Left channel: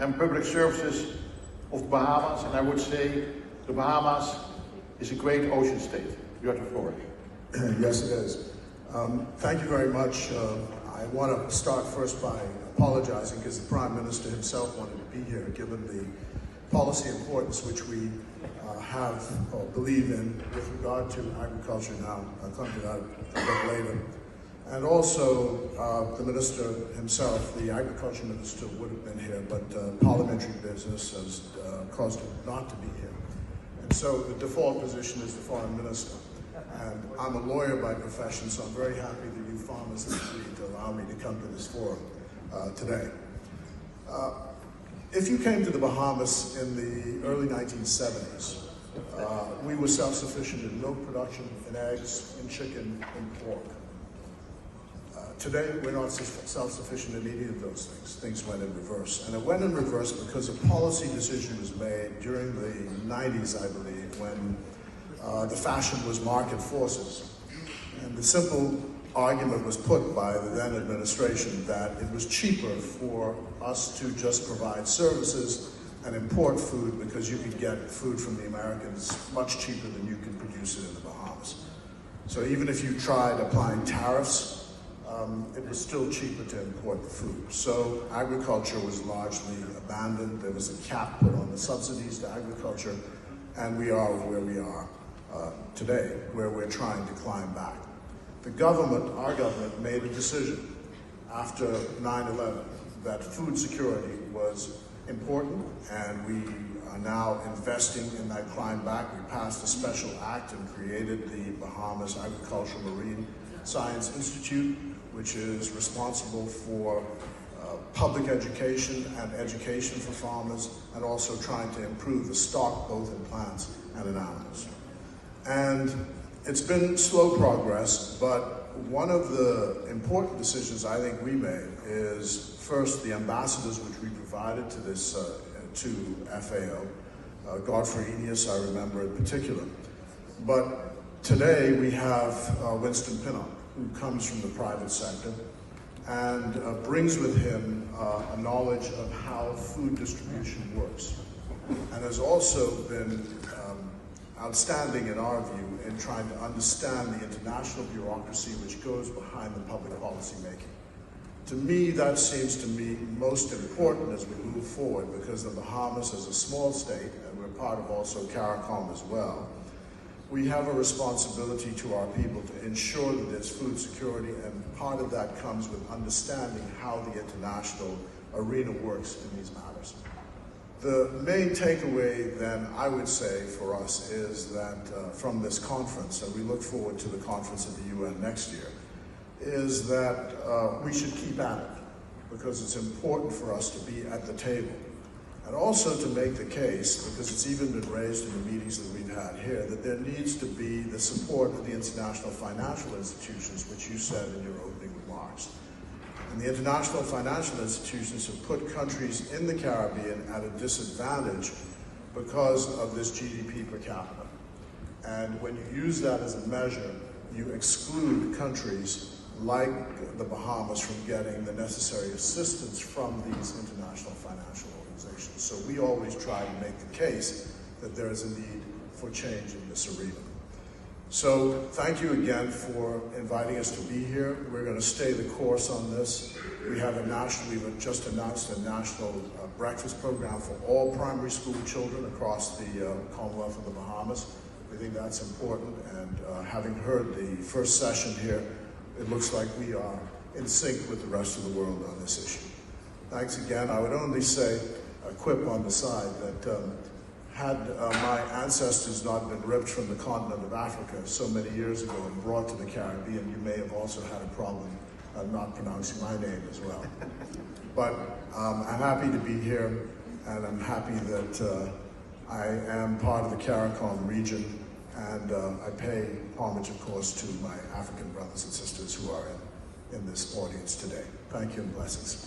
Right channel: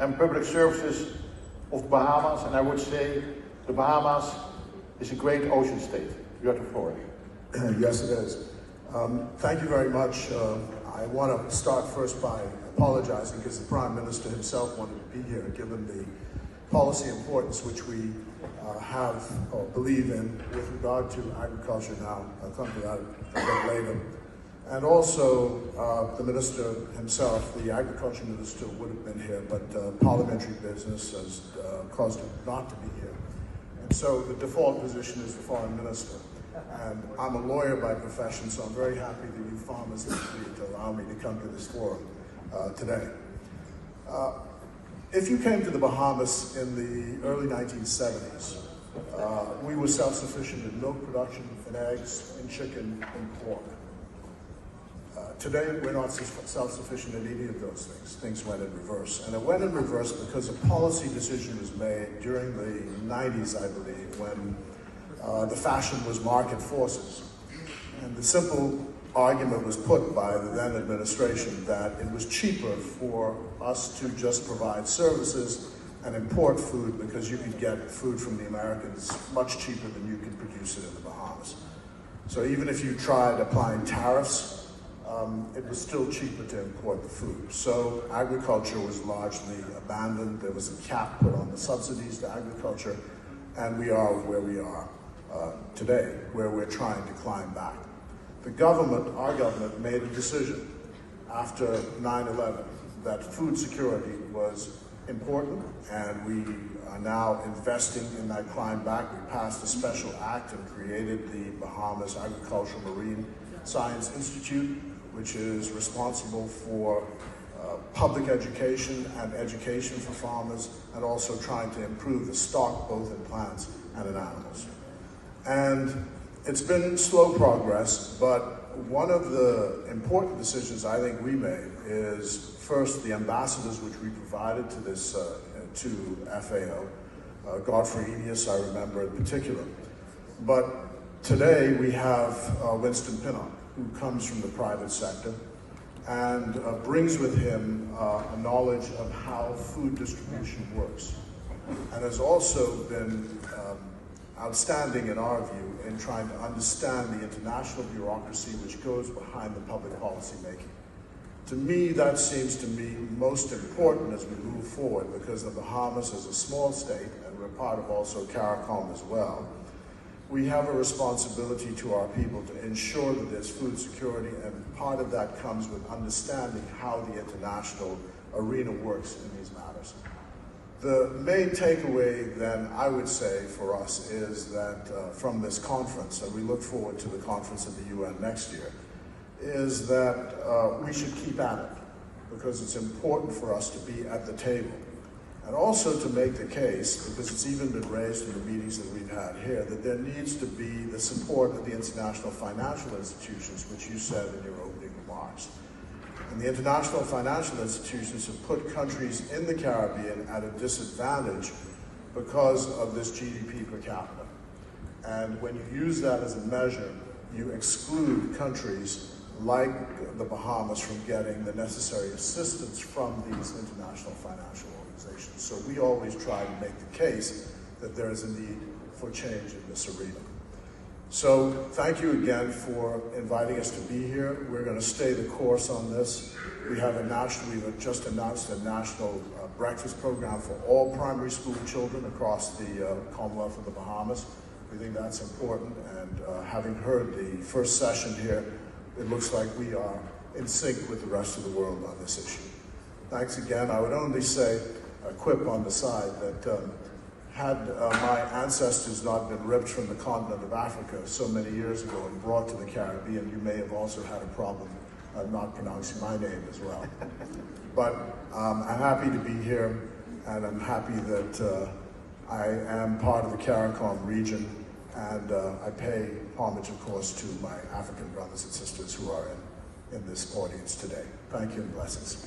and public services of the Bahamas, and I would say the Bahamas is a great ocean state. You have the floor. Yes, it is. Thank you very much. I want to start first by apologizing because the Prime Minister himself wanted to be here, given the policy importance which we have or believe in with regard to agriculture now. I'll come to that a bit later. And also the Minister himself, the Agriculture Minister, would have been here, but parliamentary business has caused him not to be here. And so the default position is the Foreign Minister. And I'm a lawyer by profession, so I'm very happy that you farmers have agreed to allow me to come to this forum today. If you came to the Bahamas in the early 1970s, we were self-sufficient in milk production, in eggs, in chicken, and pork. Today, we're not self-sufficient in any of those things. Things went in reverse. And it went in reverse because a policy decision was made during the 90s, I believe, when the fashion was market forces. And the simple argument was put by the then administration that it was cheaper for us to just provide services and import food because you could get food from the Americans much cheaper than you could produce it in the Bahamas. So even if you tried applying tariffs, it was still cheaper to import the food. So agriculture was largely abandoned. There was a cap put on the subsidies to agriculture, and we are where we are today, where we're trying to climb back. The government, our government, made a decision after 9/11 that food security was important, and we are now investing in that climb back. We passed a special act and created the Bahamas Agricultural Marine Science Institute, which is responsible for public education and education for farmers, and also trying to improve the stock both in plants and in animals. And it's been slow progress, but one of the important decisions I think we made is first the ambassadors which we provided to this to FAO, Godfrey Enius, I remember in particular. But today we have Winston Pinnock, who comes from the private sector and brings with him a knowledge of how food distribution works, and has also been outstanding in our view in trying to understand the international bureaucracy which goes behind the public policy making. To me, that seems to me most important as we move forward, because the Bahamas is a small state, and we're part of also CARICOM as well. We have a responsibility to our people to ensure that there's food security, and part of that comes with understanding how the international arena works in these matters. The main takeaway then, I would say, for us is that from this conference, and we look forward to the conference at the UN next year, is that we should keep at it, because it's important for us to be at the table. And also to make the case, because it's even been raised in the meetings that we've had here, that there needs to be the support of the international financial institutions, which you said in your opening remarks. And the international financial institutions have put countries in the Caribbean at a disadvantage because of this GDP per capita. And when you use that as a measure, you exclude countries like the Bahamas from getting the necessary assistance from these international financial organizations. So we always try to make the case that there is a need for change in this arena. So thank you again for inviting us to be here. We're going to stay the course on this. We have we've just announced a national breakfast program for all primary school children across the Commonwealth of the Bahamas. We think that's important, and having heard the first session here, it looks like we are in sync with the rest of the world on this issue. Thanks again. I would only say, a quip on the side, that had my ancestors not been ripped from the continent of Africa so many years ago and brought to the Caribbean, you may have also had a problem not pronouncing my name as well. But I'm happy to be here, and I'm happy that I am part of the CARICOM region, and I pay homage, of course, to my African brothers and sisters who are in this audience today. Thank you and blessings.